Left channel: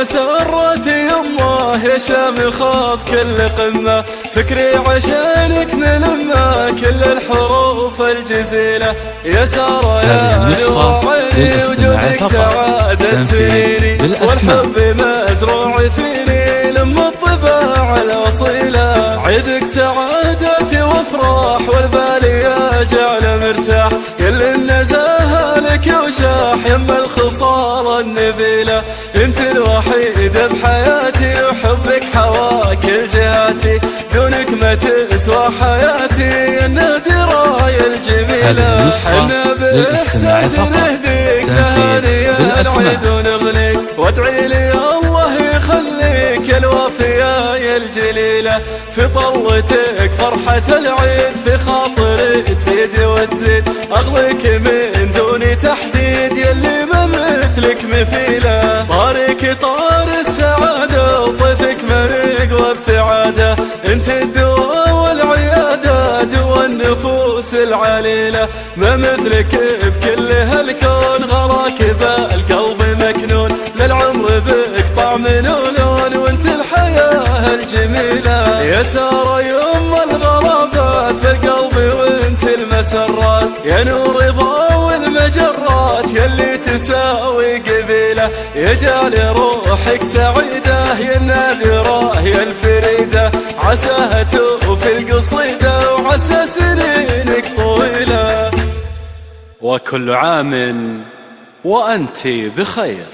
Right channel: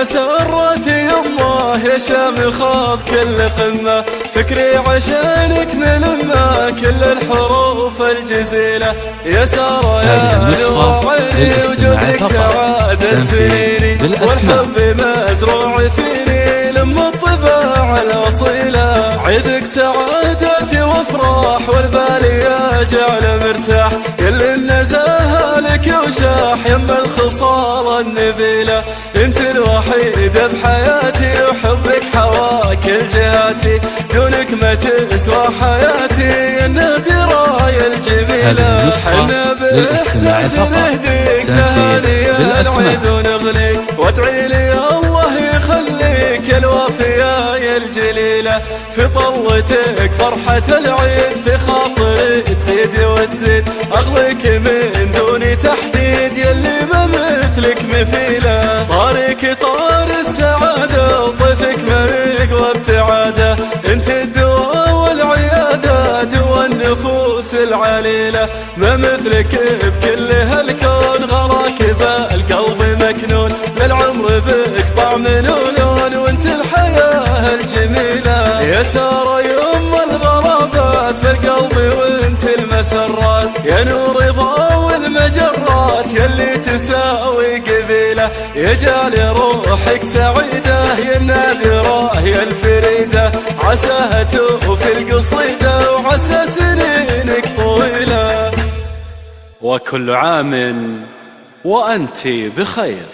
مسرة يمه يا شامخة في كل قمة، فكري عشانك نلمه كل الحروف الجزيلة يا سارة. هذه النسخة للاستماع فقط، تنفيذ بالأسماء. عيدك سعادتي وافراح والبال يجعل مرتاح، يلي النزاهة لك وشاح يم الخصارى النبيلة، انت الوحيدة بحياتي وحبك حواك الجهاتي، دونك ما تسوى حياتي النادرة الجميلة. هذه النسخة للاستماع فقط، تنفيذ بالأسماء. في طلتك فرحة العيد في خاطري تزيد وتزيد، أغلك من دون تحديد يلي ما مثلك مثيلة، طارك طار السعادة وطيفك ما يقرب ابتعاده، انت الدواء والعيادة دوا النفوس العليلة، ما مثلك بكل هالكون غراك بالقلب مكنون، للعمر بك طعم ولون وانت الحياة الجميلة يا سارة يوم الغرابات في القلب وانت المسرات، يا نور رضا والمجرات يلي تساوي قبيلة، يا جعل روحك سعيدة يا النادرة يا الفريدة، عساها توفي القصيدة وعسى سنينك طويلة، وكل عام وأنت بخير.